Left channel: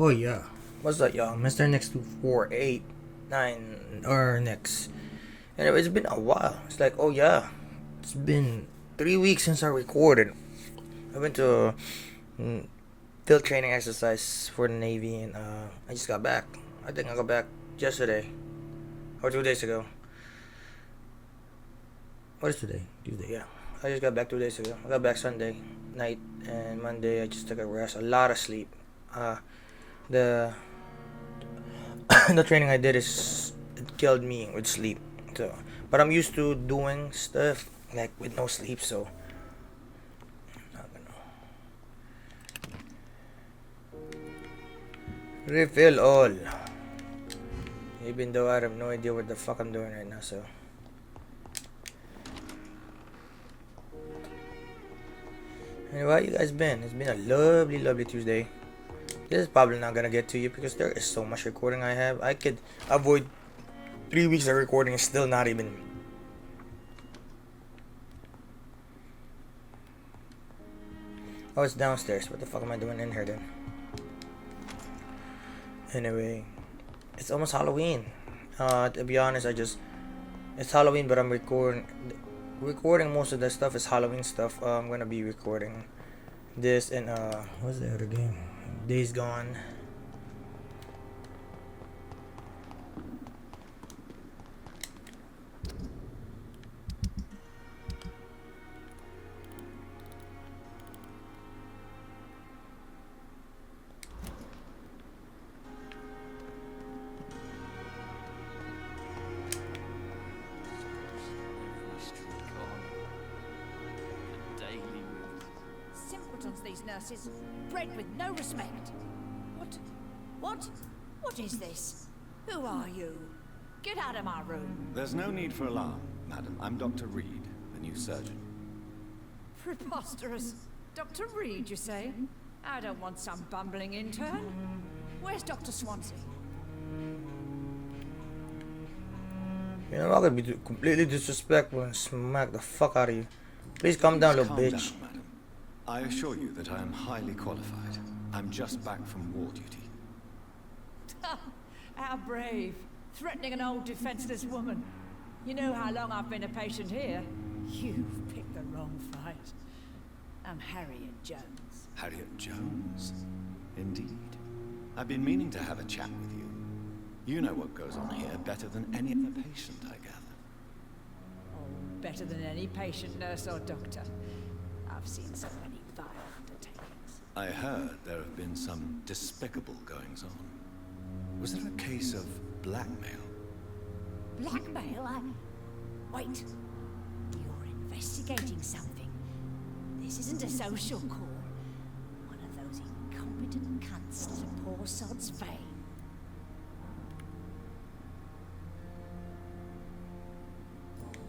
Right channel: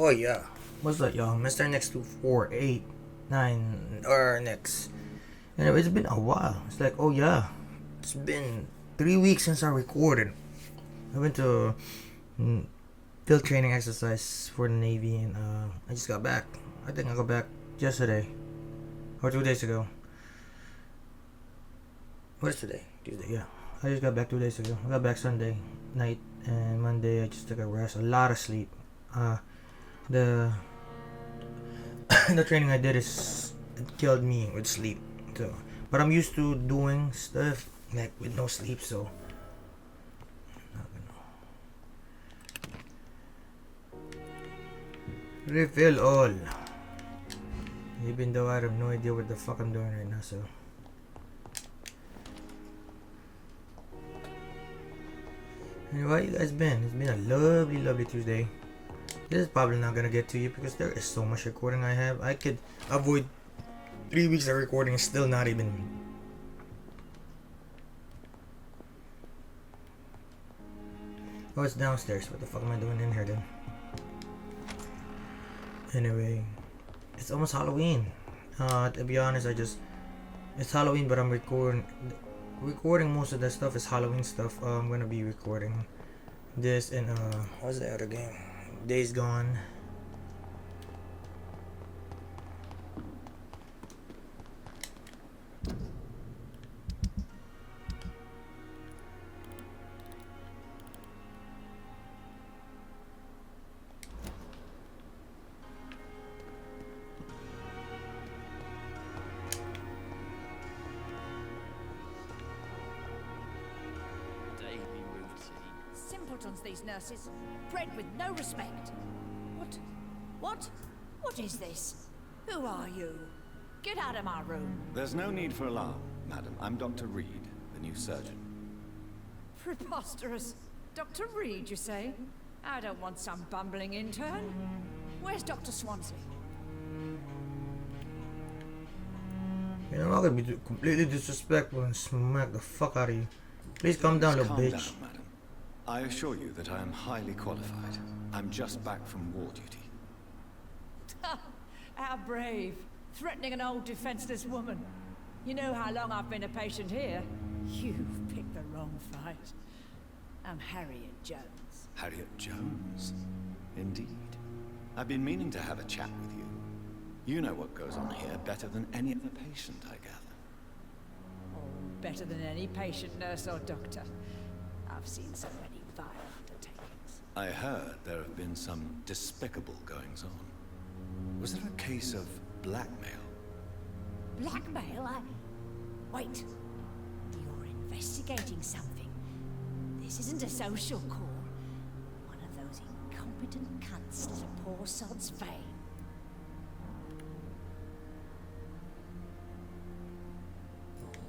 Oh yeah, what's up, y'all? Mr. Next 2489 or next. Anyway, it's been a while. It's like, oh yeah, it's been 3 weeks since I recorded. I went to mm, field training exercise for the Navy, and I just got back. I think I got back yesterday or 2 days ago. What is today? Tuesday, yeah. I just got back 2 days ago. I got back Sunday night, and Monday I just took a rest, a lot of sleep. The the training I did is it killed me with sleep. So, but I'm used to doing stuff like with no sleep, so I don't know. Refill all. Even though I have no idea what the fuck I'm doing right now, so. Anyway, how you guys been? It's been a lovely, lovely Tuesday. This is probably not gonna get to you because there is so much recording I have. I could avoid 3 weeks of recording and still not even. Oh, it's downstairs. What the fuck am I doing in here then? Anyway, it's almost Halloween. To be honest, it's Halloween, but I'm recording most of the stuff is Halloween stuff. I'm gonna be recording this and what's the other game? Days Gone. Simpletons, these nurses, bred with no respect. What is this? Who are you? Get out of my room. There's no need for alarm, madam. I'm Dr. Reed, the new surgeon. Preposterous. Dr. Reed, you say? I don't want some bumbling intern. Where's Dr. Swansea? You know, I could be completely disrespectful and smack the fuck out of you. Please calm down, little bitch. Calm down, madam. I assure you that I am highly qualified. I'm just back from war duty. How brave. Threatening an old defenseless woman. You know how long I've been a patient here? You've picked the wrong fight. I'm Harriet Jones. Harriet Jones? Indeed. I've been meaning to have a chat with you. You know what goes on here better than any other patient, I gather. Oh, better than any patient, nurse or doctor. I've seen so many vile undertakings. I heard there have been some despicable goings-on. Was there a case of blackmail? Blackmail? Wait. You're investigating something. This isn't a social call. One of those incompetent cunts slit a poor sod's vein.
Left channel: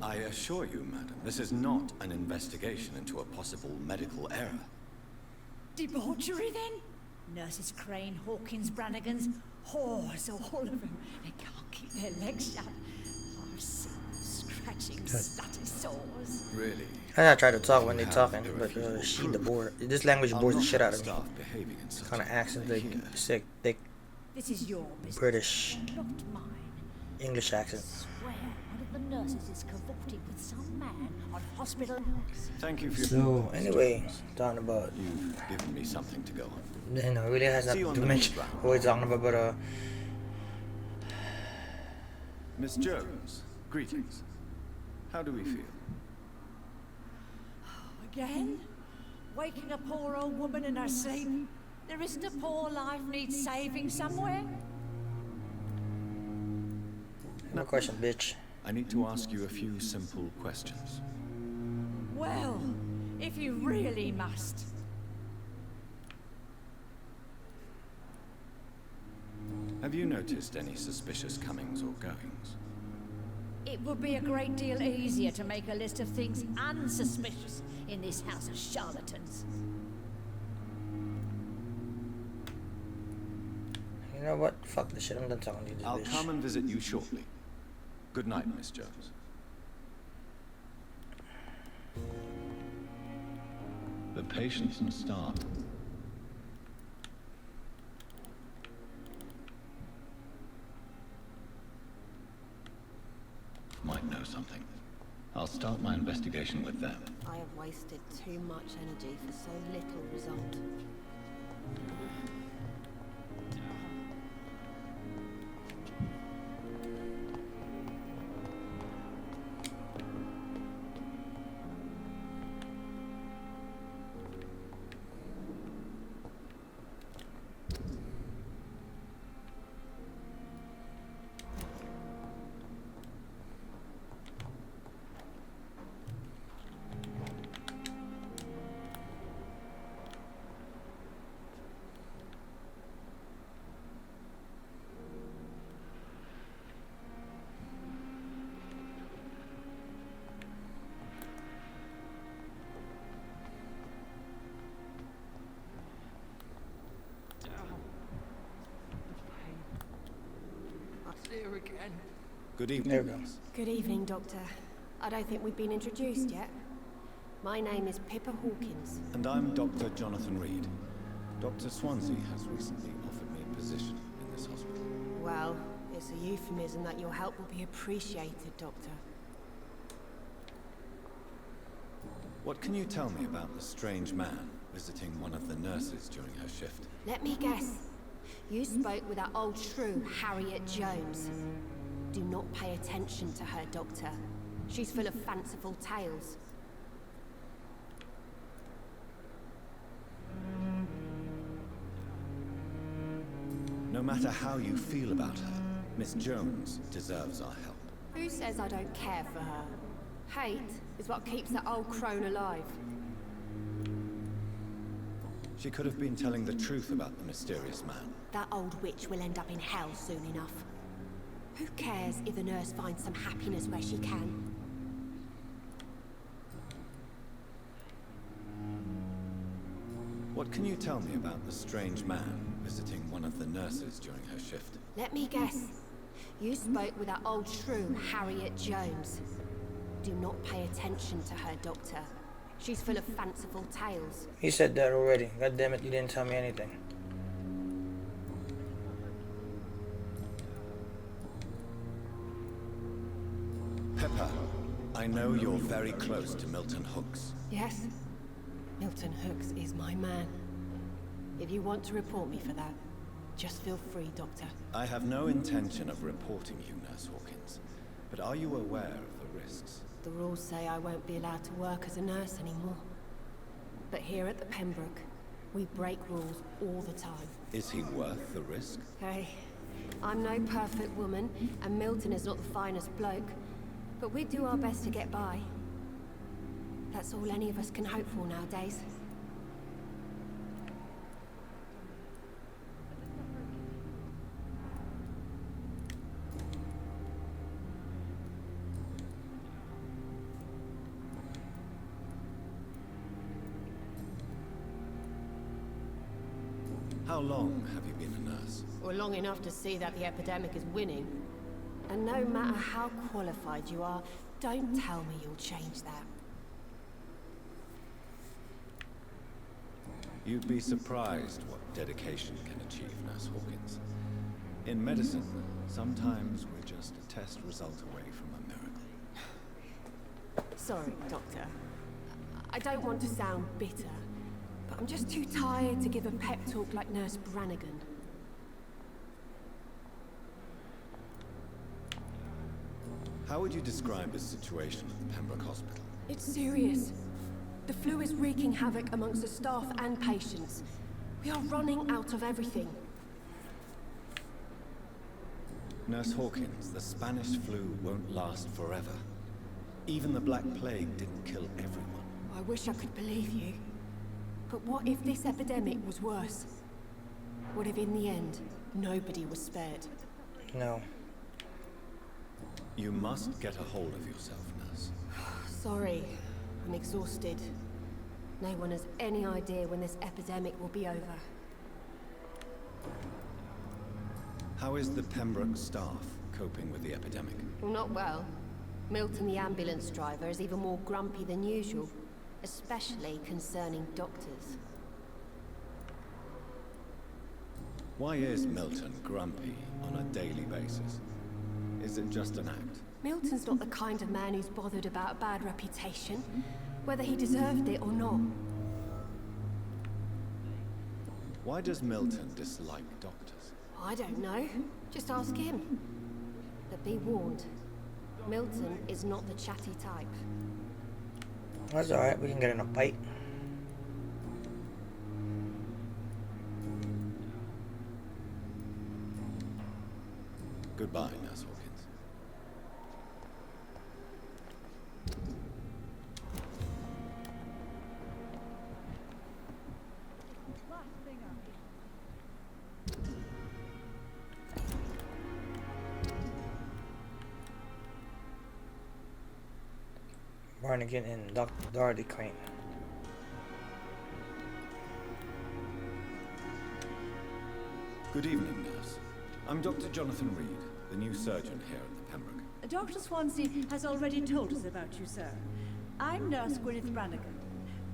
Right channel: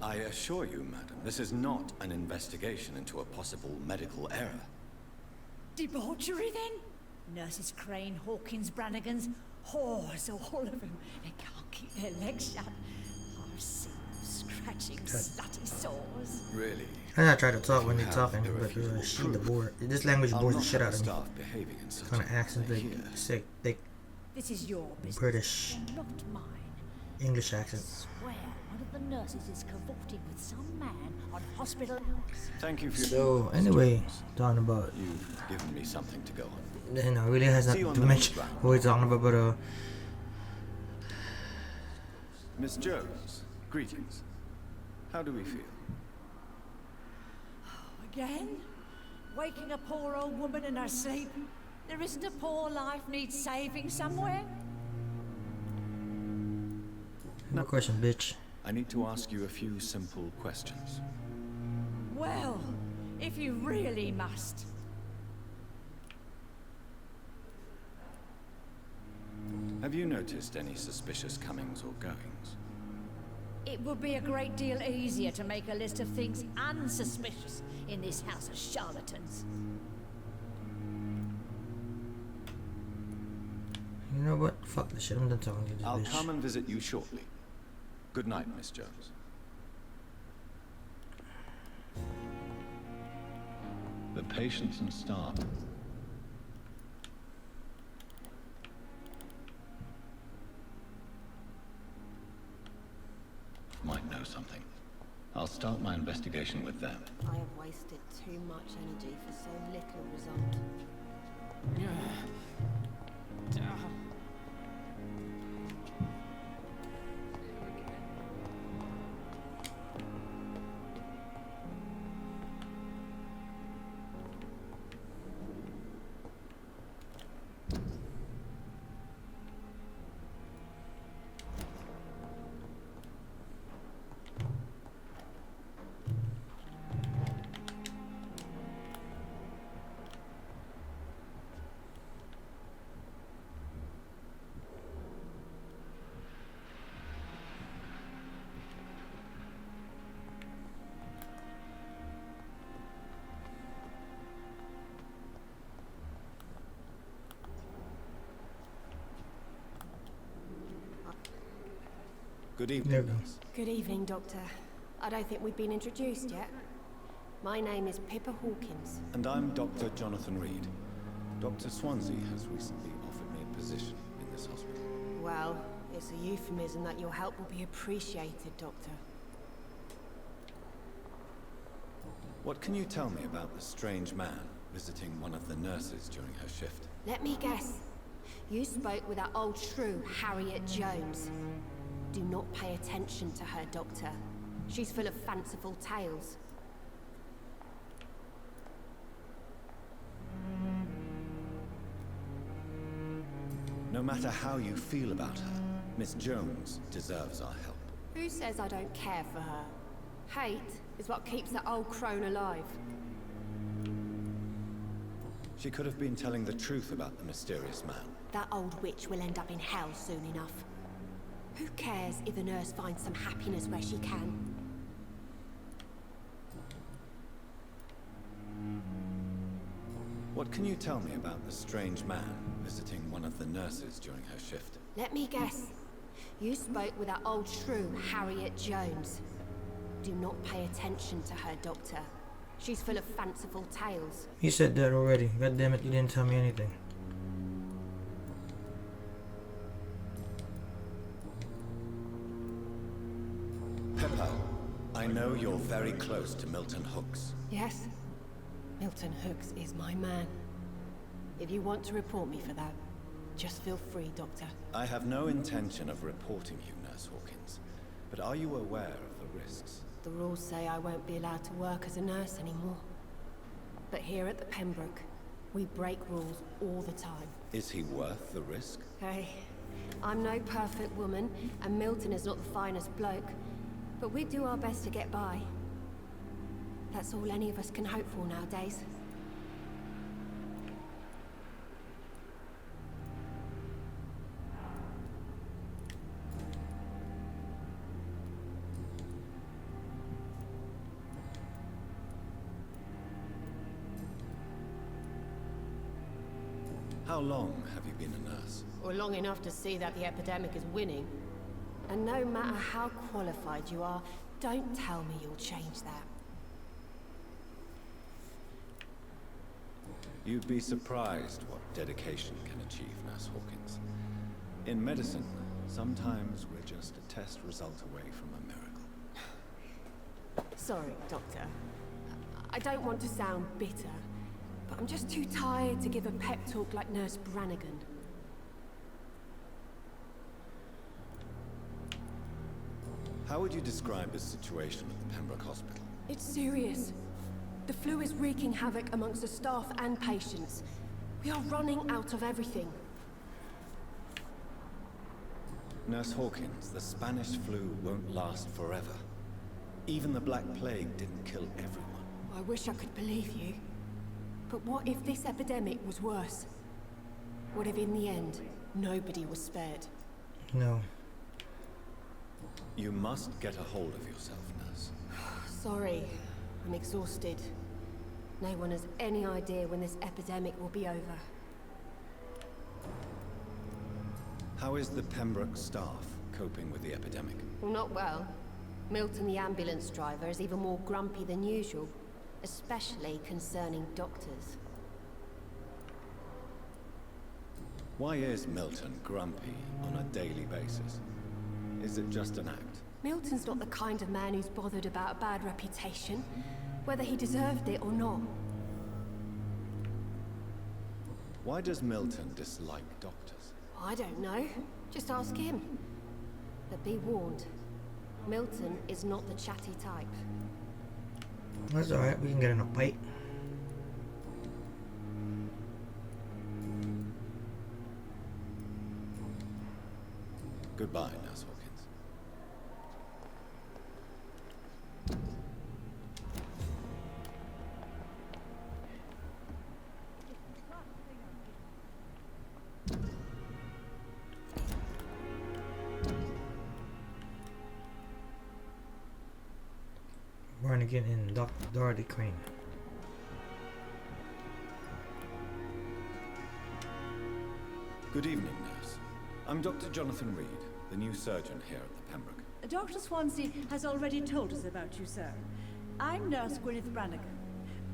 I assure you, madam, this is not an investigation into a possible medical error. Debauchery, then? Nurses Crane, Hawkins, Brannigans, whores, all of them. They can't keep their legs shut. I've seen them scratching slutty sores. Really? I try to talk when they're talking, but she the board. This language bores the shit out of me. Kind of accent, they sick, thick This is your business, British and not mine. English I accent. swear one of the nurses is cavorting with some man on hospital hours. Thank you for your... So anyway, talking about, You've given me something to go on. you know, really has See you nothing on to the mention next round. what we're talking about, but Miss Jones, greetings. How do we feel? Again? Waking a poor old woman in her sleep? There isn't a poor life needs saving somewhere? no question, bitch. I need to ask you a few simple questions. Well, if you really must. Have you noticed any suspicious comings or goings? It would be a great deal easier to make a list of things unsuspicious in this house of charlatans. You know what? Fuck this shit. I'm done talking to you, this I'll bitch. come and visit you shortly. Good night, Miss Jones. The patients and staff might know something. I'll start my investigation with them. I have wasted too much energy for so little result. Good evening. There we go. nurse. Good evening, Doctor. I don't think we've been introduced yet. My name is Pippa Hawkins. And I'm Dr. Jonathan Reed. Dr. Swansea has recently offered me a position in this hospital. Well, it's a euphemism that your help will be appreciated, Doctor. What can you tell me about the strange man visiting one of the nurses during her shift? Let me guess. You spoke with that old shrew, Harriet Jones. Do not pay attention to her, Doctor. She's full of fanciful tales. No matter how you feel about her, Miss Jones deserves our help. Who says I don't care for her? Hate is what keeps that old crone alive. She could have been telling the truth about the mysterious man. That old witch will end up in hell soon enough. Who cares if the nurse finds some happiness where she can? What can you tell me about the strange man visiting one of the nurses during her shift? Let me guess. You spoke with that old shrew, Harriet Jones. Do not pay attention to her, Doctor. She's full of fanciful tales. He said that already. God damn it, you didn't tell me anything. Pepper, I know you're very close to Milton Hooks. Yes? Milton Hooks is my man. If you want to report me for that, just feel free, Doctor. I have no intention of reporting you, Nurse Hawkins. But are you aware of the risks? The rules say I won't be allowed to work as a nurse anymore. But here at the Pembroke, we break rules all the time. Is he worth the risk? Hey, I'm no perfect woman, and Milton is not the finest bloke. But we do our best to get by. That's all any of us can hope for nowadays. How long have you been a nurse? Or long enough to see that the epidemic is winning. And no matter how qualified you are, don't tell me you'll change that. You'd be surprised what dedication can achieve, Nurse Hawkins. In medicine, sometimes we're just a test result away from a miracle. Sorry, Doctor. I don't want to sound bitter, but I'm just too tired to give a pep talk like Nurse Brannigan. How would you describe the situation at the Pembroke Hospital? It's serious. The flu is wreaking havoc amongst the staff and patients. We are running out of everything. Nurse Hawkins, the Spanish flu won't last forever. Even the Black Plague didn't kill everyone. I wish I could believe you. But what if this epidemic was worse? What if in the end, nobody was spared? No. You must get a hold of yourself, Nurse. Sorry, I'm exhausted. No one has any idea when this epidemic will be over. How is the Pembroke staff coping with the epidemic? Well, not well. Milton, the ambulance driver, is even more grumpy than usual. especially concerning doctors. Why is Milton grumpy on a daily basis? Is it just an act? Milton's not the kind of man who's bothered about a bad reputation, whether he deserved it or not. Why does Milton dislike doctors? I don't know. Just ask him. But be warned, Milton is not the chatty type. That's alright, we can get in a fight. Goodbye, Nurse Hawkins. Barnegan and Dr. Dorothy Crane. Good evening, nurse. I'm Dr. Jonathan Reed, the new surgeon here at the Pembroke. Dr. Swansea has already told us about you, sir. I'm Nurse Gwyneth Brannigan.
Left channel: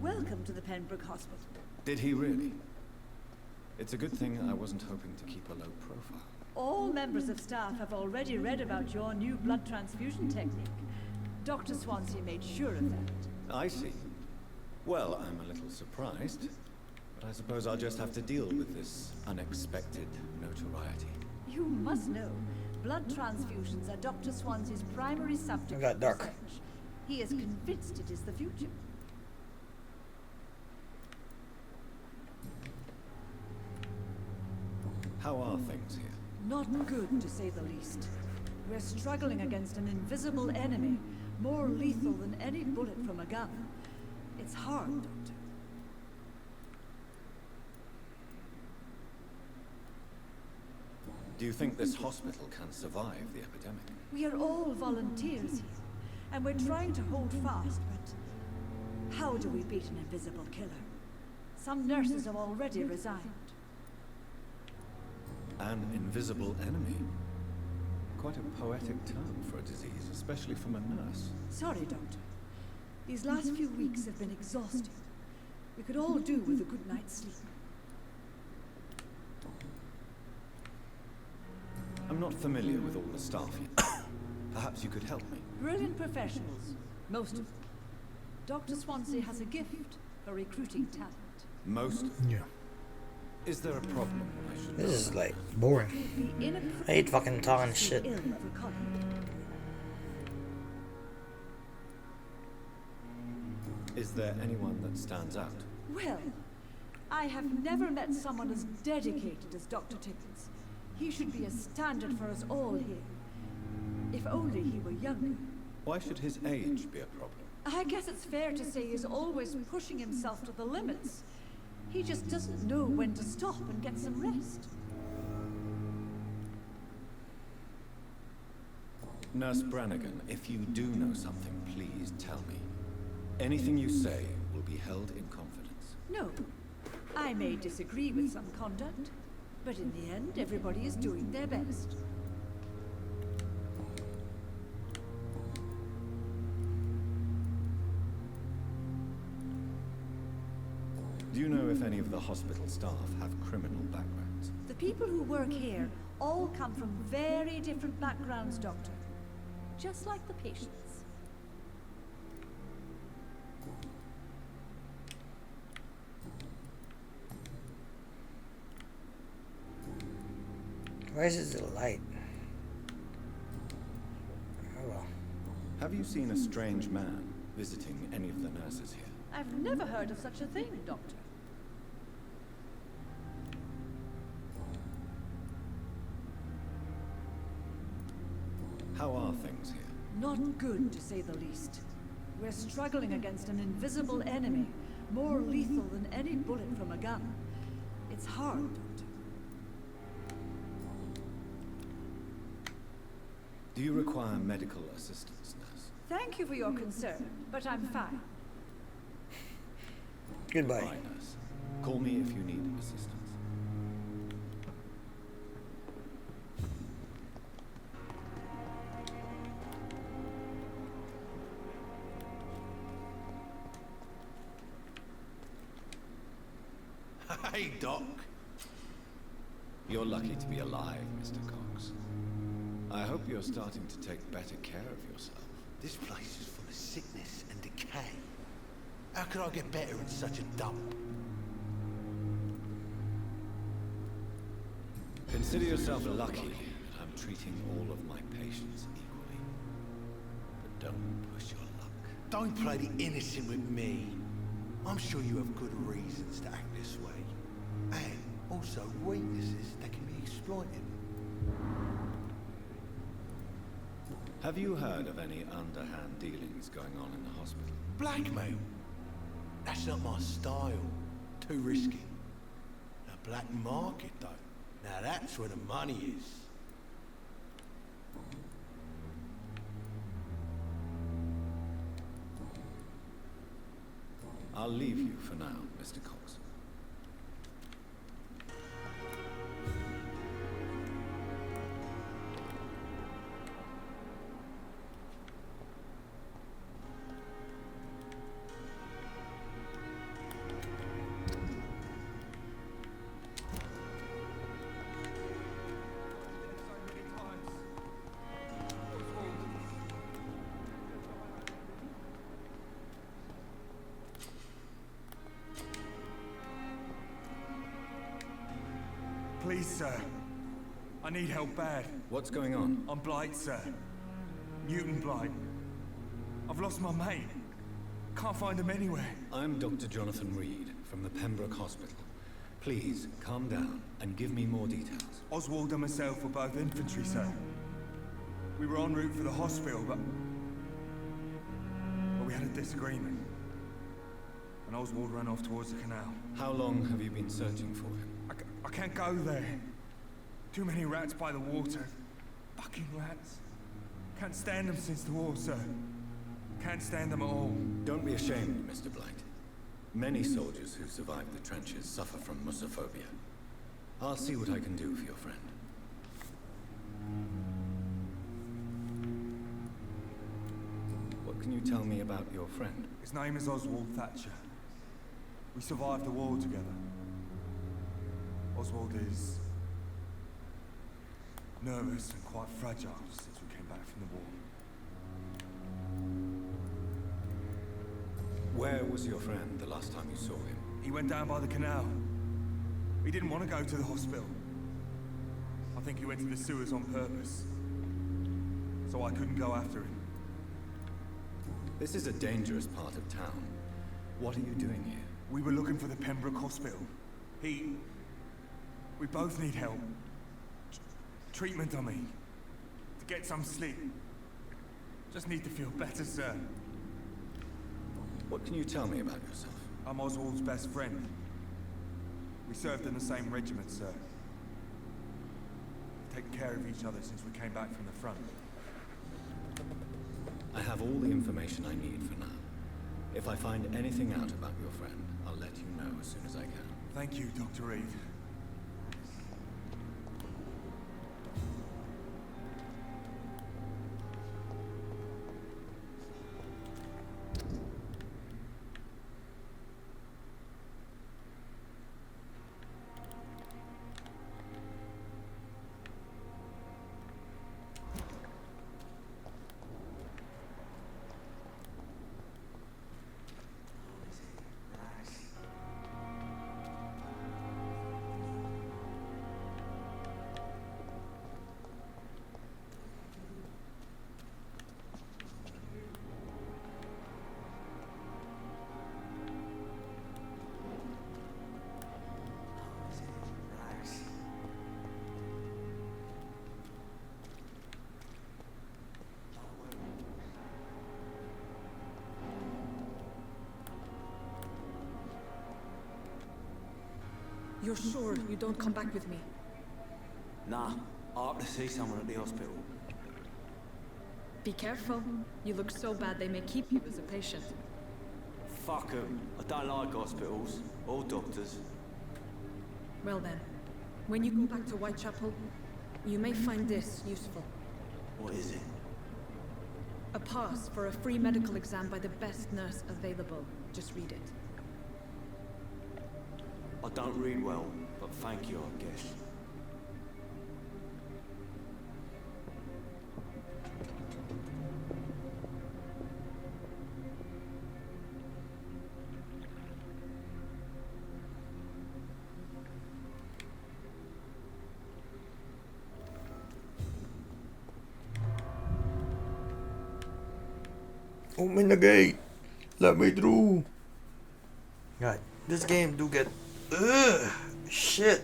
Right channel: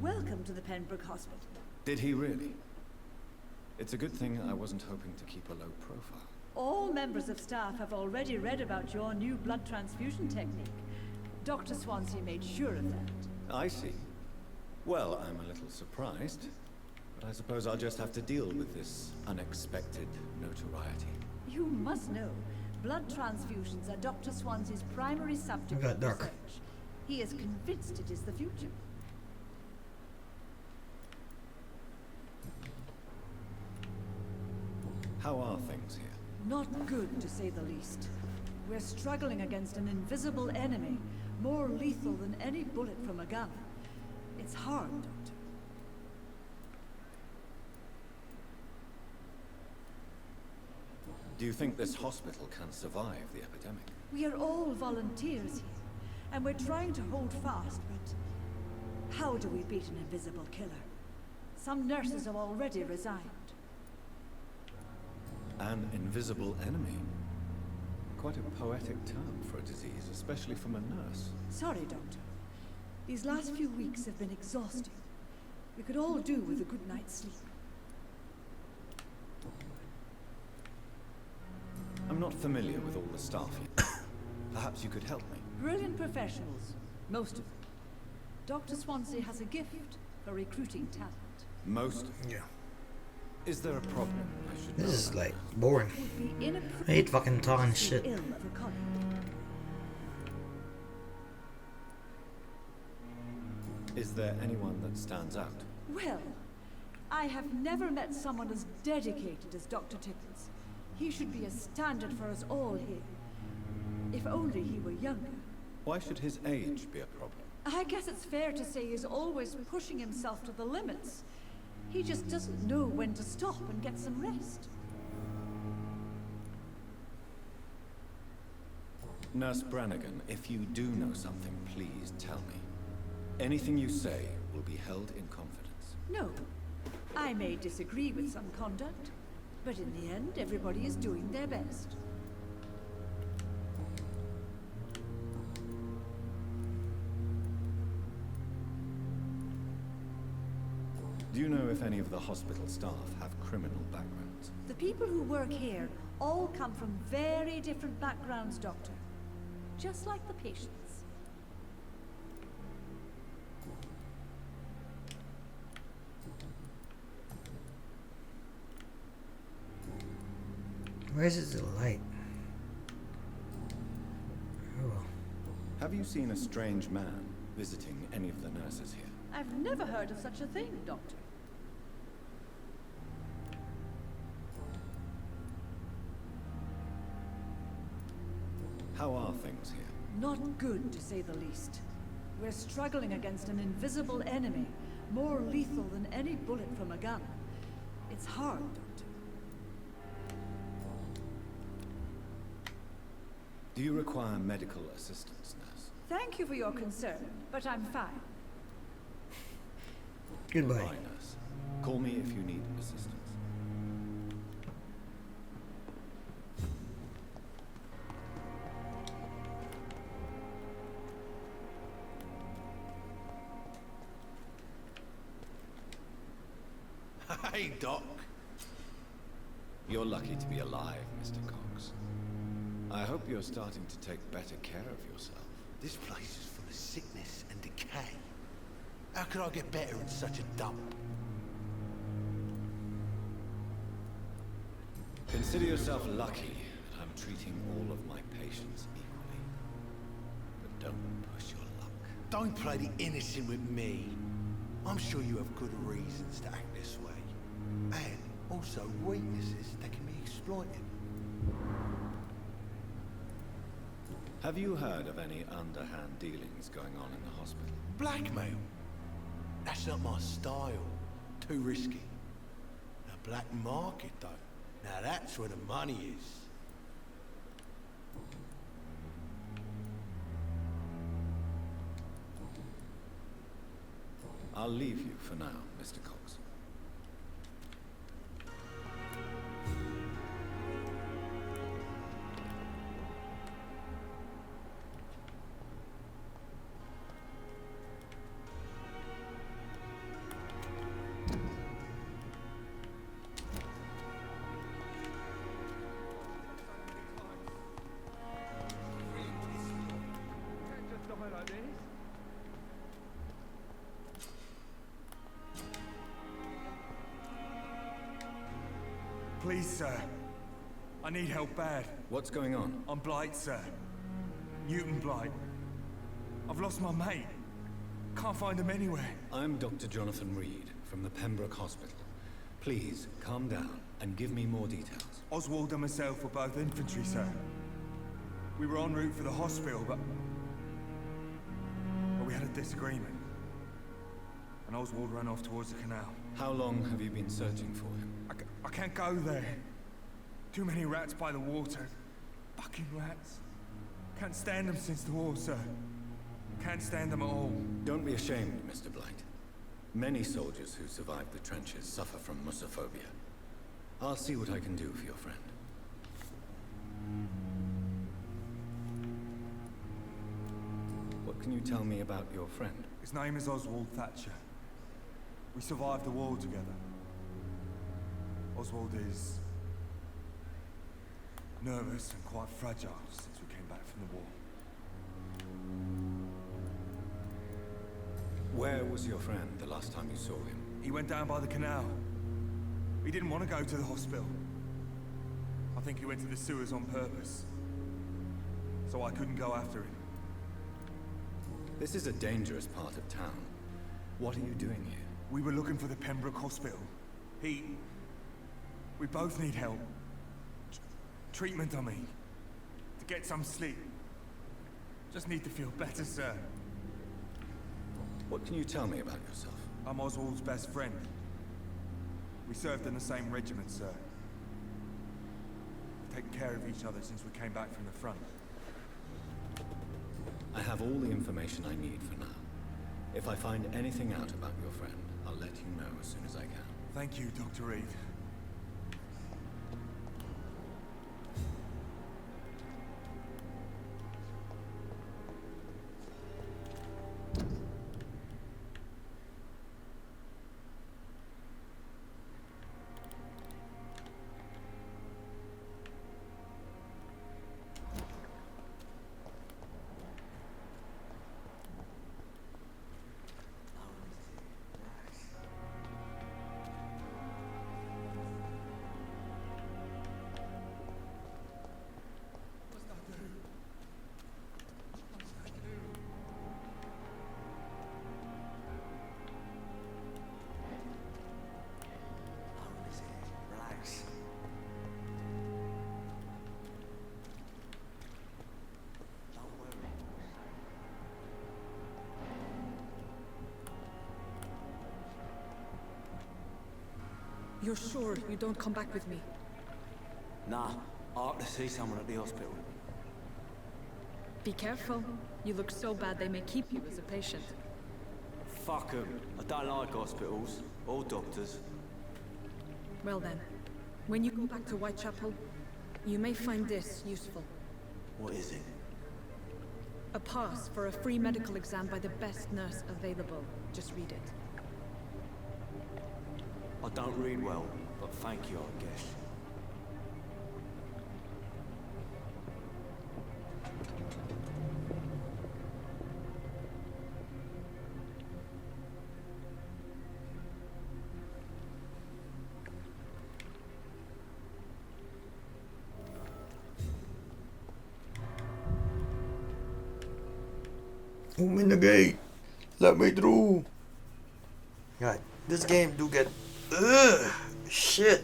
Welcome to the Pembroke Hospital. Did he really? It's a good thing I wasn't hoping to keep a low profile. All members of staff have already read about your new blood transfusion technique. Dr. Swansea made sure of that. I see. Well, I'm a little surprised, but I suppose I'll just have to deal with this unexpected notoriety. You must know, blood transfusions are Dr. Swansea's primary subject got of dark. research. He is convinced it is the future. How are things here? Not good, to say the least. We're struggling against an invisible enemy, more lethal than any bullet from a gun. It's hard, Doctor. Do you think this hospital can survive the epidemic? We are all volunteers here, and we're trying to hold fast, but how do we beat an invisible killer? Some nurses have already resigned. An invisible enemy? Quite a poetic term for a disease, especially from a nurse. Sorry, Doctor. These last few weeks have been exhausting. We could all do with a good night's sleep. I'm not familiar with all the staff here. Perhaps you could help me. Brilliant professionals, most of them. Dr. Swansea has a gift for recruiting talent. Most of them. Yeah. Is there a problem I should know This is about? like boring. It would be inappropriate I hate fucking to talking speak shit. ill of a colleague. Is there anyone that stands out? Well, I have never met someone as dedicated as Dr. Tippins. He should be a standard for us all here. If only he were younger. Why should his age be a problem? I guess it's fair to say he's always pushing himself to the limits. He just doesn't know when to stop and get some rest. Nurse Brannigan, if you do know something, please tell me. Anything you say will be held in confidence. No, I may disagree with some conduct, but in the end, everybody is doing their best. Do you know if any of the hospital staff have criminal backgrounds? The people who work here all come from very different backgrounds, Doctor. Just like the patients. Why is it light? Oh well. Have you seen a strange man visiting any of the nurses here? I've never heard of such a thing, Doctor. How are things here? Not good, to say the least. We're struggling against an invisible enemy, more lethal than any bullet from a gun. It's hard, Doctor. Do you require medical assistance, nurse? Thank you for your concern, but I'm fine. Goodbye. Bye, nurse. Call me if you need assistance. Hey, Doc. You're lucky to be alive, Mr. Cox. I hope you're starting to take better care of yourself. This place is full of sickness and decay. How could I get better in such a dump? Consider yourself lucky that I'm treating all of my patients equally. But don't push your luck. Don't play the innocent with me. I'm sure you have good reasons to act this way. And also weaknesses that can be exploited. Have you heard of any underhand dealings going on in the hospital? Blackmail? That's not my style. Too risky. The black market, though. Now that's where the money is. I'll leave you for now, Mr. Cox. Please, sir. I need help bad. What's going on? I'm Blight, sir. Mutant Blight. I've lost my mate. Can't find him anywhere. I'm Dr. Jonathan Reed from the Pembroke Hospital. Please, calm down and give me more details. Oswald and myself were both infantry, sir. We were en route for the hospital, but we had a disagreement. And Oswald ran off towards the canal. How long have you been searching for him? I can't go there. Too many rats by the water. Fucking rats. Can't stand them since the war, sir. Can't stand them at all. Don't be ashamed, Mr. Blight. Many soldiers who survived the trenches suffer from musophobia. I'll see what I can do for your friend. What can you tell me about your friend? His name is Oswald Thatcher. We survived the war together. Oswald is nervous and quite fragile since we came back from the war. Where was your friend the last time you saw him? He went down by the canal. He didn't want to go to the hospital. I think he went to the sewers on purpose. So I couldn't go after him. This is a dangerous part of town. What are you doing here? We were looking for the Pembroke Hospital. We both need help. Treatment, I mean. To get some sleep. Just need to feel better, sir. What can you tell me about yourself? I'm Oswald's best friend. We served in the same regiment, sir. We've taken care of each other since we came back from the front. I have all the information I need for now. If I find anything out about your friend, I'll let you know as soon as I can. Thank you, Dr. Reed. You're sure you don't come back with me? Nah, I have to see someone at the hospital. Be careful. You look so bad they may keep you as a patient. Fuck 'em. I don't like hospitals, or doctors. Well then, when you go back to Whitechapel, you may find this useful. What is it? A pass for a free medical exam by the best nurse available. Just read it. I don't read well, but thank you, I guess. Open the gate. Let me through. God, this game do get shit.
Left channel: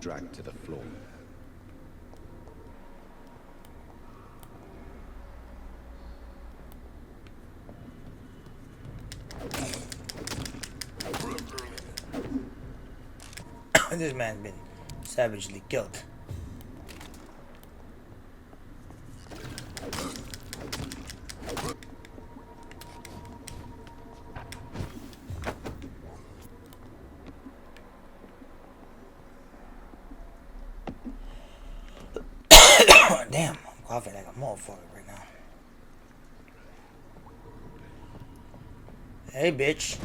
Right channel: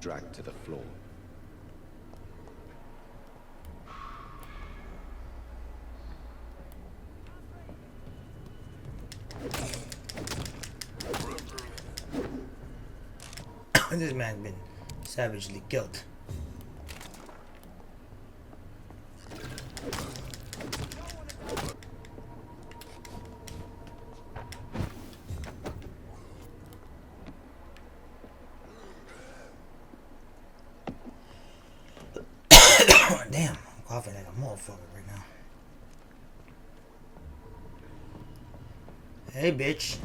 Dragged to the floor. This man's been savagely killed. Damn, I'm coughing like a motherfucker right now. Hey, bitch.